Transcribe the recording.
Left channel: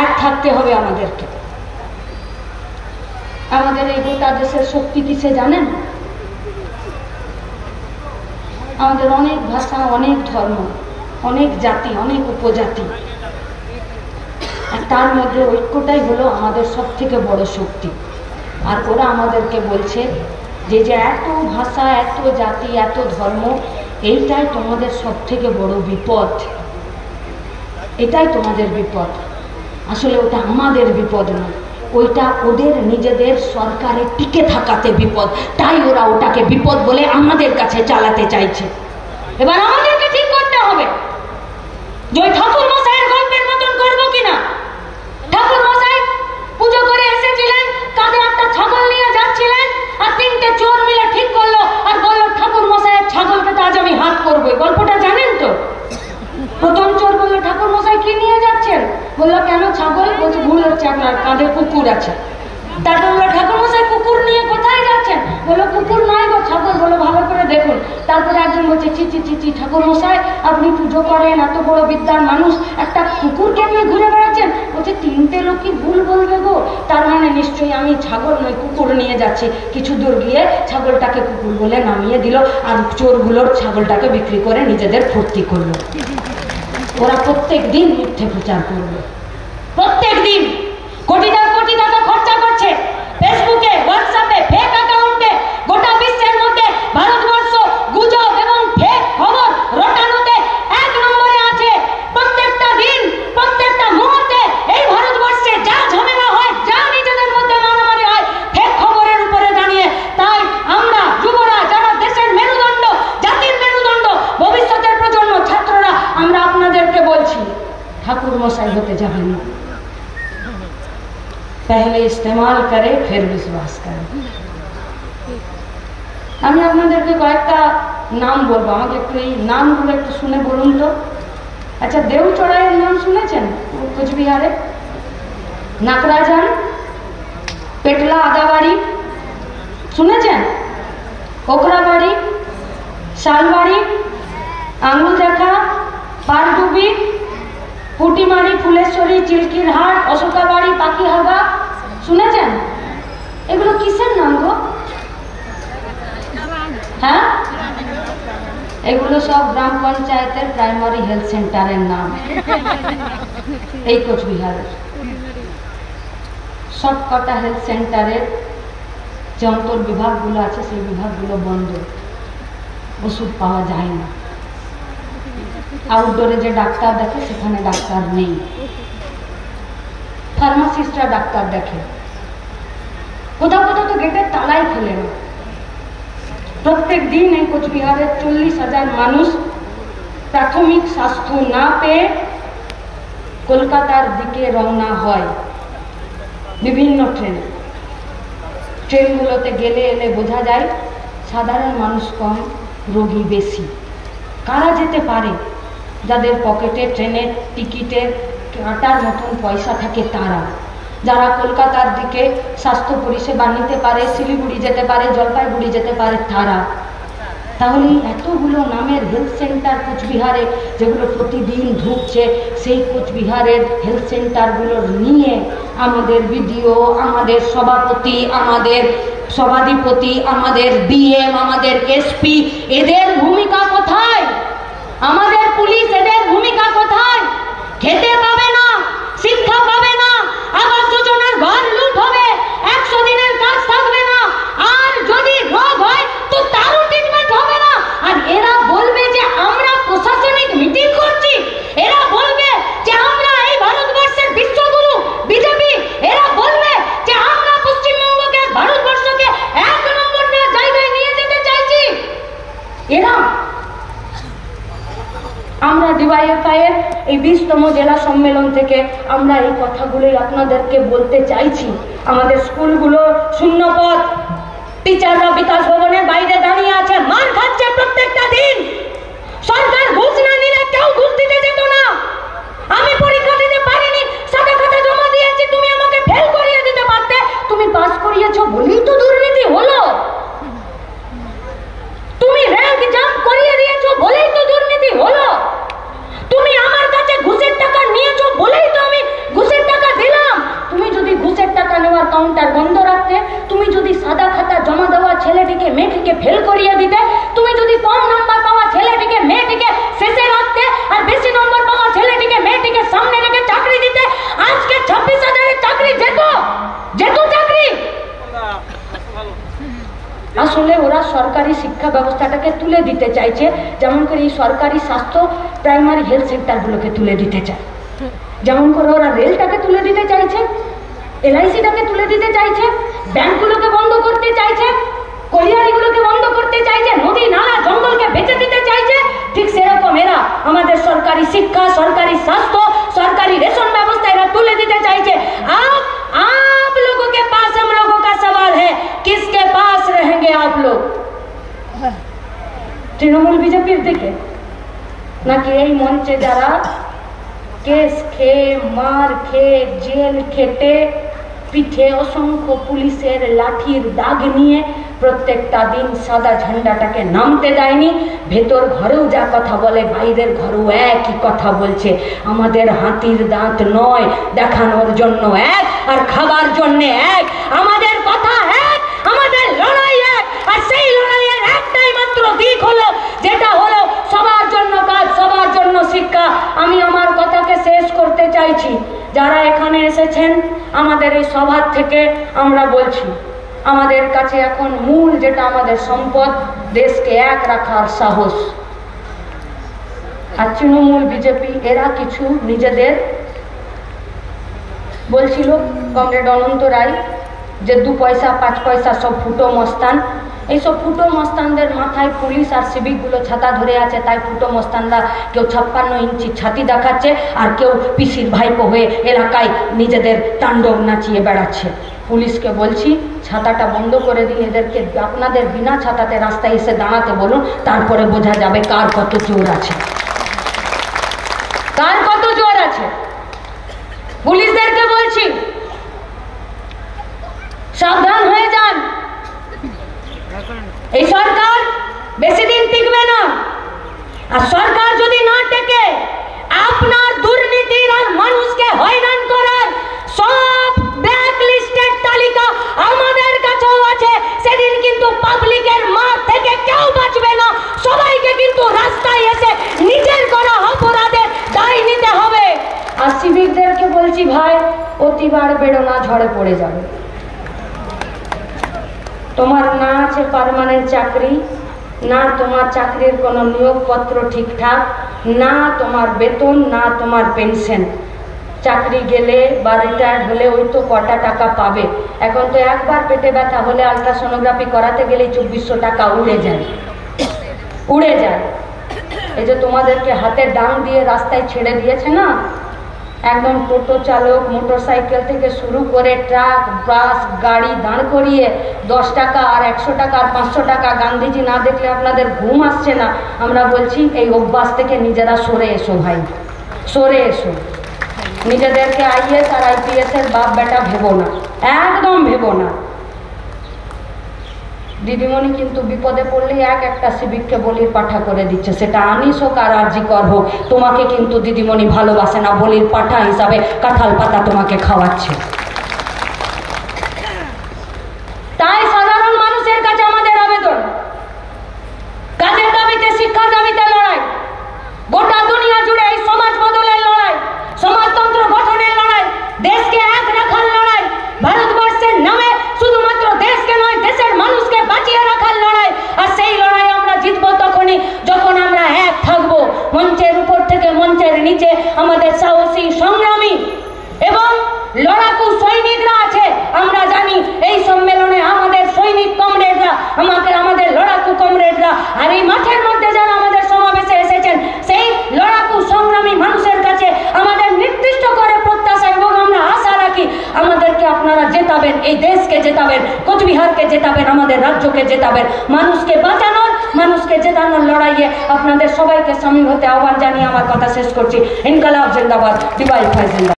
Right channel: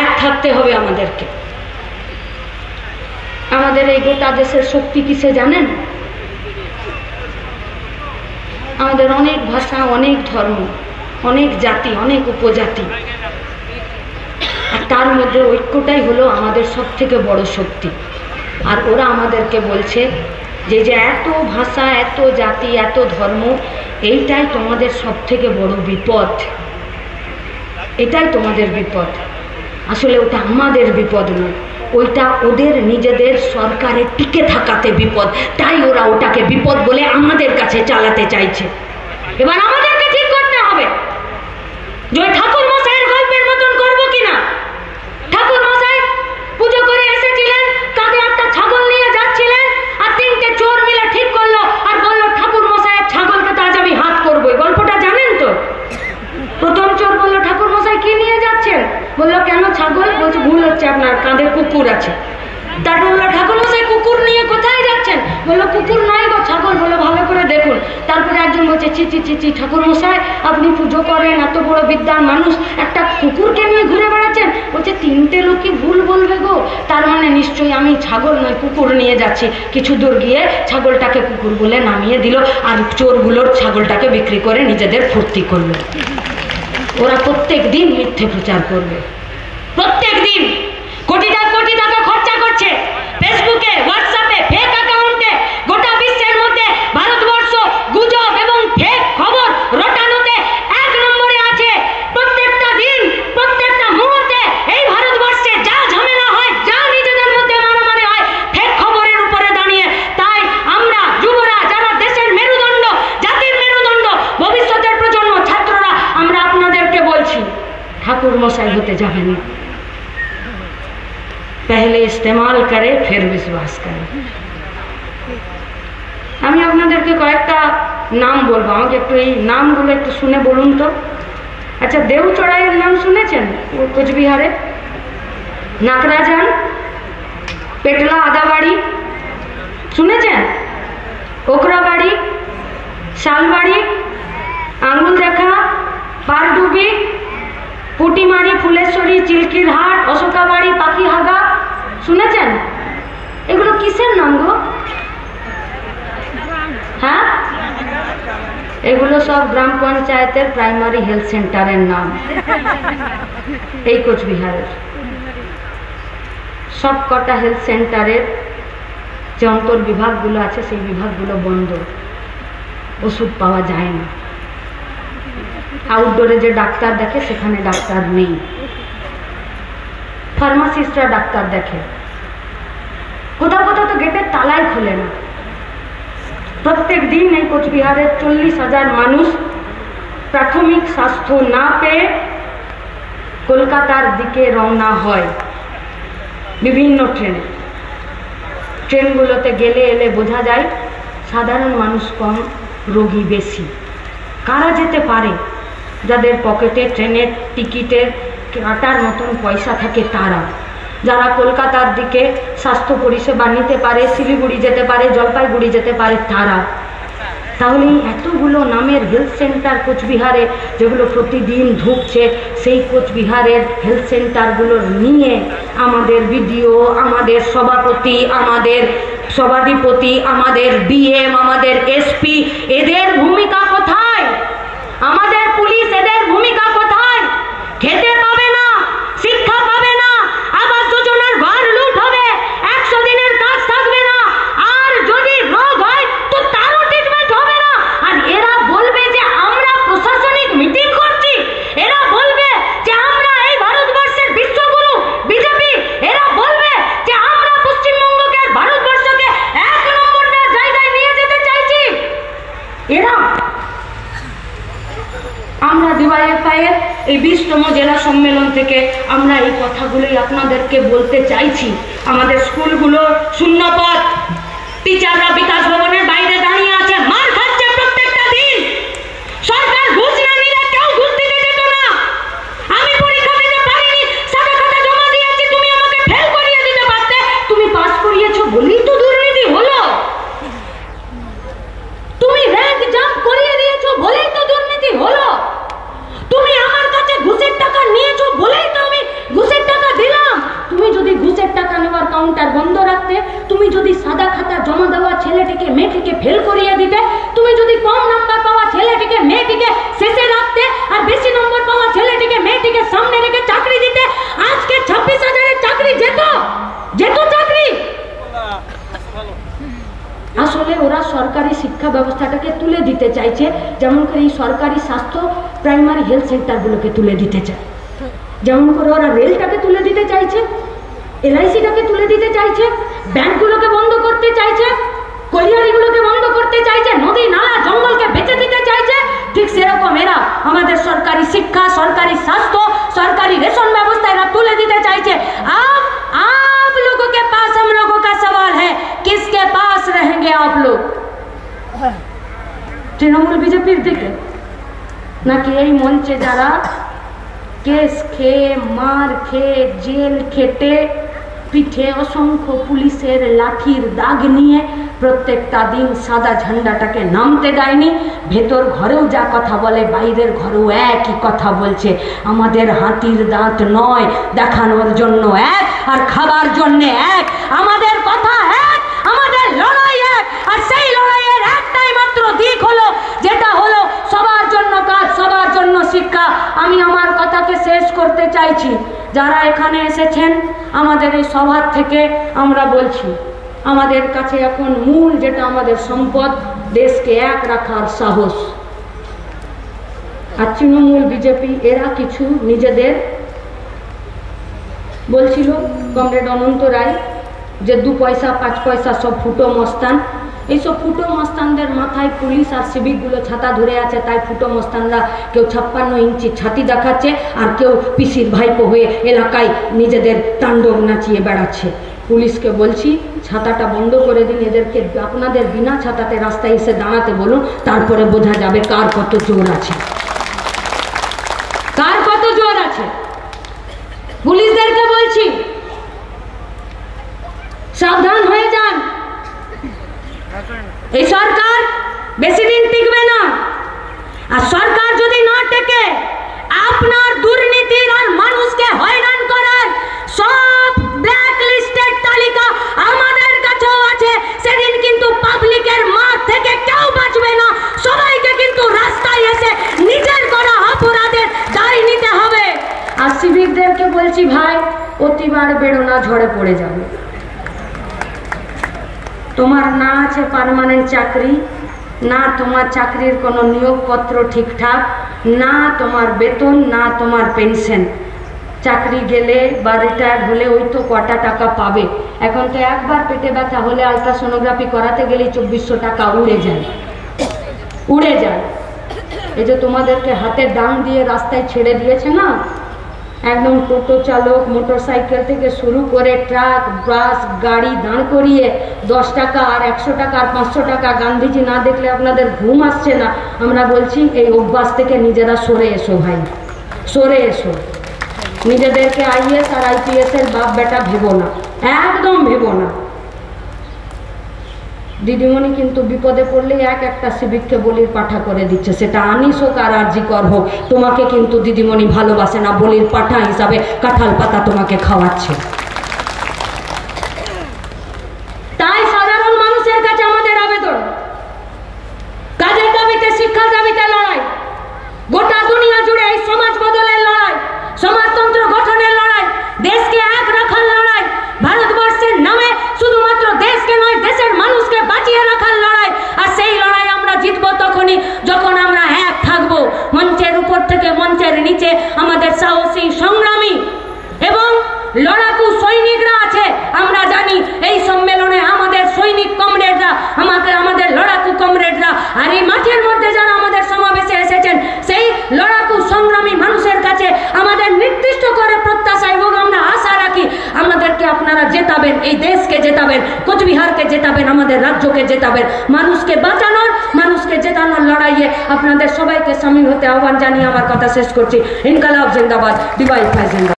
এক থাকতে হবে আমাদেরকে। আমাদের এই গোটা দেশের শক্তি কিসে জানেন? আমাদের অনেক ভাষা, অনেক ধর্ম, অনেক জাতি, অনেক উপজাতি, আর তার মধ্যে ঐক্যটাই হলো আমাদের সব থেকে বড় শক্তি। আর ওরা আমাদেরকে বলছে যে এত ভাষা, এত জাতি, এত ধর্ম, এইটাই তোমাদের সব থেকে বড় বিপদ, এটাই তোমাদের বিপদ। আসলে ওটা আমাদের বিপদ নয়, ওইটা ওদের নিজেদের সরকারের টিকে থাকাতে বিপদ, তাই ওরা ওটাকে বিপদ বলে আমাদের কাছে চালাতে চাইছে। এবার আমাদেরকে ঠিক করতে হবে যে ওই ঠাকুর মশাইয়ের গল্পের মতন করবো কিনা। ঠাকুর মশাই পুজো করে এসেছিলেন, কাঁধে একটা ছাগল নিয়ে যাচ্ছিলেন, আর তিনটে চোর মিলে ঠিক করলো আর বললো ঠাকুর মশাইয়ের ছাগলকে তো আজ আমি হাত করবো। গল্পটা জানেন তো? প্রথম চোর বললো ঠাকুর মশাই কি নিয়ে যাচ্ছেন? বললো কেন ছাগল? বলছে ভুল হচ্ছে, আপনার কাঁধে কুকুর আছে। তারপর বললো ঠাকুর মশাই কুকুর নিয়ে কোথায় যাচ্ছেন? বললো কুকুর নয় গো, ছাগল। বললো ভালো করে দেখুন। তারপরে একজন বলছে ছি ছি ছি ছি, ঠাকুর মশাই আপনি পুজো করেন, এত বড় বিদ্যার মানুষ, একটা কুকুরকে নিয়ে ঘুরে বেড়াচ্ছেন। বলছে তিনটে লোক কি ভুল বলবে গো, তার মানে নিশ্চয়ই আমি ছাগল নয় কুকুর নিয়ে যাচ্ছি। কিছু দূর গিয়ে ছাগলটাকে কুকুর বলে নামিয়ে দিল, আর চোরগুলোর ছাগলটাকে বিক্রি করে নিজেদের ফুর্তি করলো। ওরা প্রত্যেক দিন মিথ্যে প্রচার করবে, প্রত্যেক দিন কোটি টাকা খরচা করছে ফেসবুকে, হোয়াটসঅ্যাপে, ফেক অ্যাকাউন্টে। গোটা বিশ্বের মধ্যে ভারতবর্ষ গুজব এবং ফেক খবর রটানোতে এক নম্বরে আছে। প্রত্যেকটা দিন, প্রত্যেকটা মুহূর্তে এই ভারতবর্ষে যা ঝামেলা হয়, যা নিজেদের মধ্যে মারামারি হয়, ফেক খবরের উপরে দাঁড়িয়ে। তাই আমরা যুবরা, যারা দেশের মেরুদণ্ড, জাতির মেরুদণ্ড, ভবিষ্যতের প্রজন্ম, ছাত্ররা, আমরা আপনাদেরকে বলছি ঠাকুর মশাই হতে যাবেন না। पहले इस्तेमाल करे फिर विश्वास करे। আমি আপনাদেরকে কয়েকটা নাম বলবো, আমাকে একটু এই নামগুলো একটু শুনে বলুন তো। আচ্ছা, দেউচড়াইয়ের নাম শুনেছেন? কোচবিহারে নাকরাজান, পেটলা আদাবাড়ি শুনেছেন? কোকরাবাড়ি, শালবাড়ি, আঙুল দেখা, পারডুবি, পুটিমারি, ফুলেশ্বরী, চিল্কির হাট, অশোকাবাড়ি, পাখিহাগা শুনেছেন? এগুলো কিসের নাম গো? হ্যাঁ, এগুলো সব গ্রাম পঞ্চায়েতের প্রাইমারি হেলথ সেন্টারের নাম। এই কোচবিহারের সব কটা হেলথ সেন্টারের যে অন্তর বিভাগগুলো আছে সেই বিভাগগুলো বন্ধ, ওষুধ পাওয়া যায় না। আউটডোরে যে ডাক্তার দেখে সেখানে ডাক্তার নেই, ফার্মাসিস্টরা ডাক্তার দেখে। কোথাও কোথাও তো গেটের তালাই খোলে না। প্রত্যেক দিন এই কোচবিহারের 40,000 মানুষ প্রাথমিক স্বাস্থ্য না পেয়ে কলকাতার দিকে রওনা হয় বিভিন্ন ট্রেনে। ট্রেনগুলোতে গেলে এলে বোঝা যায় সাধারণ মানুষ কম, রোগী বেশি। কারা যেতে পারে? যাদের পকেটে ট্রেনের টিকিটের কাটার মতন পয়সা থাকে তারা। যারা কলকাতার দিকে স্বাস্থ্য পরিষেবা নিতে পারে, শিলিগুড়ি যেতে পারে, জলপাইগুড়ি যেতে পারে তারা। তাহলে এতগুলো নামের হেলথ সেন্টার কোচবিহারে যেগুলো প্রতিদিন ঢুকছে, সেই কোচবিহারের হেলথ সেন্টারগুলোর নিয়ে আমাদের বিডিও, আমাদের সভাপতি, আমাদের সভাধিপতি, আমাদের ডিএম, আমাদের এসপি, এদের ভূমিকা কোথায়? আমাদের পুলিশ, এদের ভূমিকা কোথায়? খেতে পাবে না, শিক্ষা পাবে না, আবাস যোজনার ঘর লুট হবে, 100 দিনের কাজ থাকবে না, আর যদি রোগ হয় তো তারও ট্রিটমেন্ট হবে না। আর এরা বলবে যে আমরা প্রশাসনিক মিটিং করছি, এরা বলবে যে আমরা এই ভারতবর্ষের বিশ্বগুরু বিজেপি, এরা বলবে যে আমরা পশ্চিমবঙ্গকে, ভারতবর্ষকে 1 নম্বর জায়গায় নিয়ে যেতে চাইছি। এরা আমরা ডিওয়াইএফআইয়ের এই 20তম জেলা সম্মেলন থেকে আমরা এই কথাগুলোই আপনাদেরকে বলতে চাইছি। আমাদের স্কুলগুলো শূন্যপদ, টিচাররা বিকাশ ভবনের বাইরে দাঁড়িয়ে আছে, মার খাচ্ছে প্রত্যেকটা দিন। সরকার ঘুষ না দিলে কেউ ঘুষ দিতে যেত না। আমি পরীক্ষা দিতে পারিনি, সাথে সাথে জমা দিয়েছি, তুমি আমাকে ফেল করিয়ে দিতে পারতে, তুমি পাস করিয়েছো বলেই তো দুর্নীতি হলো। তুমি র্যাঙ্ক জাম্প করিয়ে দিয়েছো বলেই তো দুর্নীতি হলো। তুমি আমার কাছে ঘুষের টাকা নিয়েছো বলেই তো আমি ঘুষের টাকা ফেল করিয়ে দিতে, তুমি যদি কম নাম্বার পাওয়া ছেলেটিকে মেয়েটিকে শেষে রাখতে আর বেশি নম্বর পাওয়া ছেলেটিকে মেয়েটিকে সামনে রেখে চাকরি দিতে, আজকে 26,000-এর চাকরি যেত চাকরি। আসলে ওরা সরকারি শিক্ষা ব্যবস্থাটাকে তুলে দিতে চাইছে, যেমন করে এই সরকারি স্বাস্থ্য প্রাইমারি হেলথ সেন্টারগুলোকে তুলে দিতে চায়, যেমন করে ওরা রেলটাকে তুলে দিতে চাইছে, LIC-টাকে তুলে দিতে চাইছে, ব্যাংকগুলোকে বন্ধ করতে চাইছে, কলিয়ারিগুলোকে বন্ধ করতে চাইছে, নদী নালা জঙ্গলকে বেঁচে দিতে চাইছে। ঠিক সেরকম এরা আমাদের সরকারি শিক্ষা, সরকারি স্বাস্থ্য, সরকারি রেশন ব্যবস্থা এরা তুলে দিতে চাইছে। आप लोगों के पास हम लोगों का सवाल है, किसके पास रहेंगे आप लोग? তৃণমূল বিজেপির দিকে নাকি এই মঞ্চে যারা কেস খেয়ে মার খেয়ে জেল খেটে পিঠে অসংখ্য পুলিশের লাঠির দাগ নিয়ে প্রত্যেকটা দিন সাদা ঝান্ডাটাকে নামতে দেয়নি, ভেতর ঘরেও যা কথা বলে বাইরের ঘরেও একই কথা বলছে। আমাদের হাতির দাঁত নয়, দেখানোর জন্য এক আর খাবার জন্য এক। আমাদের কথা এক, আমাদের লড়াই এক, আর সেই লড়াইয়ের একটাই মাত্র দিক হলো, যেটা হলো সবার জন্য কাজ, সবার জন্য শিক্ষা। আমি আমার কথাকে শেষ করতে চাইছি। যারা এখানে এসেছেন আমাদের এই সভা থেকে আমরা বলছি, আমাদের কাছে এখন মূল যেটা আমাদের সম্পদ, দেশকে এক রাখার সাহস। আর তৃণমূল বিজেপি এরা কিছু নিজেদের বলছিল, কমরেড অনন্ত রায়, যে 2 পয়সা 5 পয়সা সব ফুটো মস্তান। এইসব ফুটো মস্তানদের মাথায় পুলিশ আর সিভিকগুলো ছাতা ধরে আছে, তাই ফুটো মস্তানরা কেউ 56 ইঞ্চি ছাতি দেখাচ্ছে আর কেউ পিসির ভাইপো হয়ে এলাকায় নিজেদের তাণ্ডব নাচিয়ে বেড়াচ্ছে। পুলিশকে বলছি ছাতাটা বন্ধ করে দিন, এদেরকে আপনাদের বিনা ছাতাতে রাস্তায় এসে দাঁড়াতে বলুন, তারপরে বোঝা যাবে কার কত জোর আছে, কার কত জোর আছে। পুলিশদেরকে বলছি সাবধান হয়ে যান, এই সরকার বেশি দিন টিকবে না। আর সরকার যদি না টেকে, আপনার দুর্নীতির আর মানুষকে হয়রান করার সব ব্ল্যাক লিস্টের তালিকা আমাদের কাছেও আছে। সেদিন কিন্তু পাবলিকের মার থেকে কেউ বাঁচবে না, সবাইকে কিন্তু রাস্তায় এসে নিজের করা অপরাধের দায় নিতে হবে। আর সিভিকদেরকে বলছি, ভাই অতিবার বেরো না, ঝড়ে পড়ে যাবে। তোমার না আছে পার্মানেন্ট চাকরি, না তোমার চাকরির কোনো নিয়োগপত্র ঠিকঠাক, না তোমার বেতন, না তোমার পেনশন। চাকরি গেলে বা রিটায়ার্ড হলে ওই তো কটা টাকা পাবে। এখন তো একবার পেটে ব্যথা হলে আলট্রাসোনোগ্রাফি করাতে গেলে 2400 টাকা উড়ে যায়। এই যে তোমাদেরকে হাতে ডাং দিয়ে রাস্তায় ছেড়ে দিয়েছে না, একদম টোটো চালক, মোটর সাইকেল থেকে শুরু করে ট্রাক, বাস, গাড়ি দাঁড় করিয়ে 10 টাকা আর 100 টাকা আর 500 টাকা গান্ধীজি না দেখলে আপনাদের ঘুম আসছে না। আমরা বলছি এই অভ্যাস থেকে নিজেরা সরে এসো ভাই, সরে এসো। নিজেদেরকে IAS আর IPS এর বাপ বেটা ভেবো না, একদম ভেবো না। দিদিমণি কিন্তু বিপদে পড়লেই একটা সিভিককে বলির পাঠা করে দিচ্ছে, সেটা আনিস হোক আর আরজিকর হোক। তোমাকে কিন্তু দিদিমণি ভালোবাসে না, বলির পাঠা হিসাবে কাঁঠাল পাতা তোমাকে খাওয়াচ্ছে। তাই সাধারণ মানুষের কাছে আমাদের আবেদন, কাজের দাবিতে, শিক্ষার দাবিতে লড়াই, গোটা দুনিয়া জুড়ে এই সমাজ বদলের লড়াই, সমাজতন্ত্র গঠনের লড়াই, দেশকে এক রাখার লড়াই, ভারতবর্ষের নামে শুধুমাত্র দেশকে নয় দেশের মানুষকে বাঁচিয়ে রাখার লড়াই। আর সেই লড়াই আমরা জিতবো তখনই যখন আমরা এক থাকবো। মঞ্চের উপর থেকে মঞ্চের নিচে আমাদের সাহসী সংগ্রামী এবং লড়াকু সৈনিকরা আছে। আমরা জানি এই সম্মেলনে আমাদের সৈনিক কমরেডরা, আমাদের লড়াকু কমরেডরা, আর এই মাঠের মধ্যে যারা আমাদের সমাবেশে এসেছেন, সেই লড়াকু সংগ্রামী মানুষের কাছে আমাদের নির্দিষ্ট করে প্রত্যাশা এবং আমরা আশা রাখি আমাদেরকে আপনারা জেতাবেন, এই দেশকে জেতাবেন, কোচবিহারকে জেতাবেন, আমাদের রাজ্যকে জেতাবেন। মানুষকে বাঁচানোর, মানুষকে জেতানোর লড়াইয়ে আপনাদের সবাইকে সামিল হতে আহ্বান জানিয়ে আমার কথা শেষ করছি। ইনকালাব জিন্দাবাদ, ডিওয়াইএফআই জিন্দাবাদ।